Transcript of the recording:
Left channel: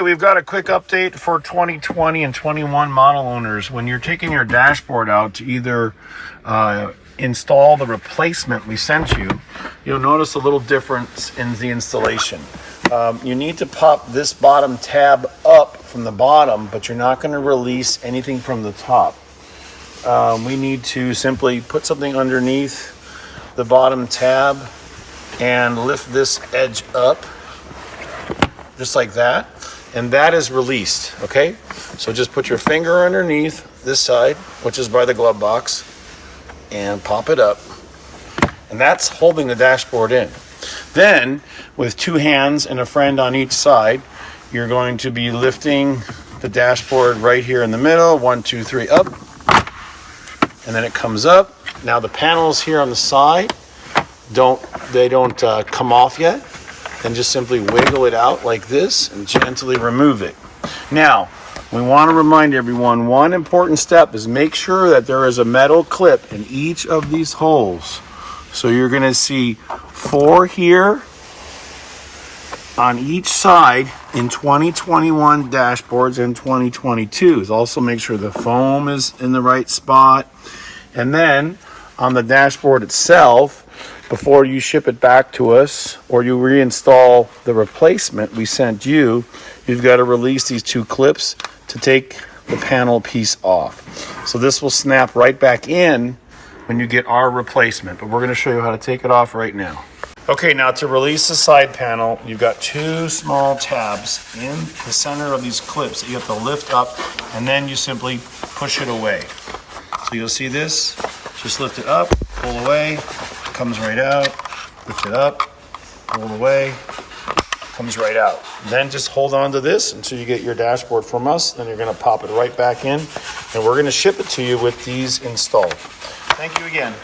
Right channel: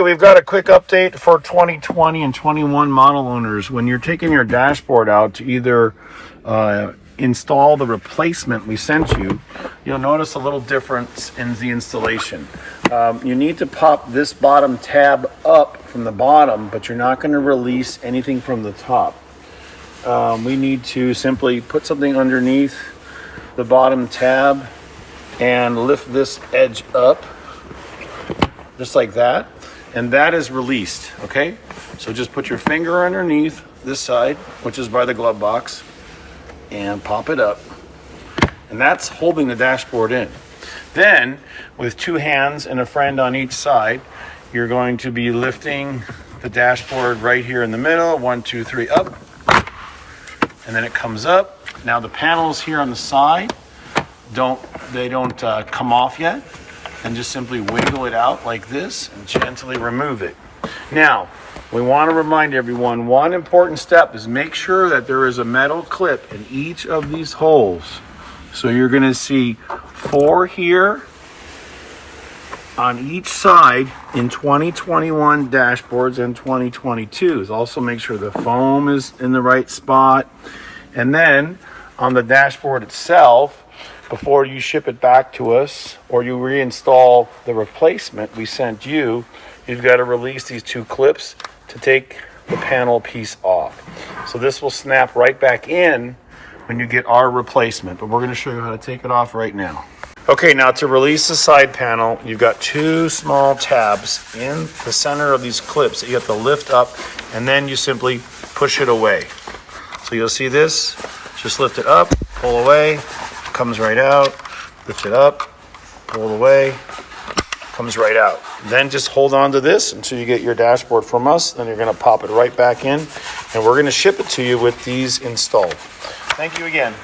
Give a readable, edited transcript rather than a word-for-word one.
Okay, we've got a quick update for 2020 and 21 model owners. When you're taking your dashboard out to either install the replacement we sent you, you'll notice a little difference in the installation. You need to pop this bottom tab up from the bottom, but you're not going to release anything from the top. We need to simply put something underneath the bottom tab and lift this edge up just like that, and that is released. Okay, so just put your finger underneath this side, which is by the glove box, and pop it up, and that's holding the dashboard in. Then with two hands and a friend on each side, you're going to be lifting the dashboard right here in the middle. 1, 2, 3, up, and then it comes up. Now the panels here on the side don't come off yet. And just simply wiggle it out like this and gently remove it. Now, we want to remind everyone, one important step is make sure that there is a metal clip in each of these holes. So you're going to see 4 here on each side in 2021 dashboards and 2022s. Also make sure the foam is in the right spot. And then on the dashboard itself, before you ship it back to us or you reinstall the replacement we sent you, you've got to release these 2 clips to take the panel piece off. So this will snap right back in when you get our replacement, but we're going to show you how to take it off right now. Okay, now to release the side panel, you've got 2 small tabs in the center of these clips that you have to lift up, and then you simply push it away. So you'll see this, just lift it up, pull away, comes right out, lift it up, pull it away, comes right out. Then just hold on to this until you get your dashboard from us. Then you're going to pop it right back in, and we're going to ship it to you with these installed. Thank you again.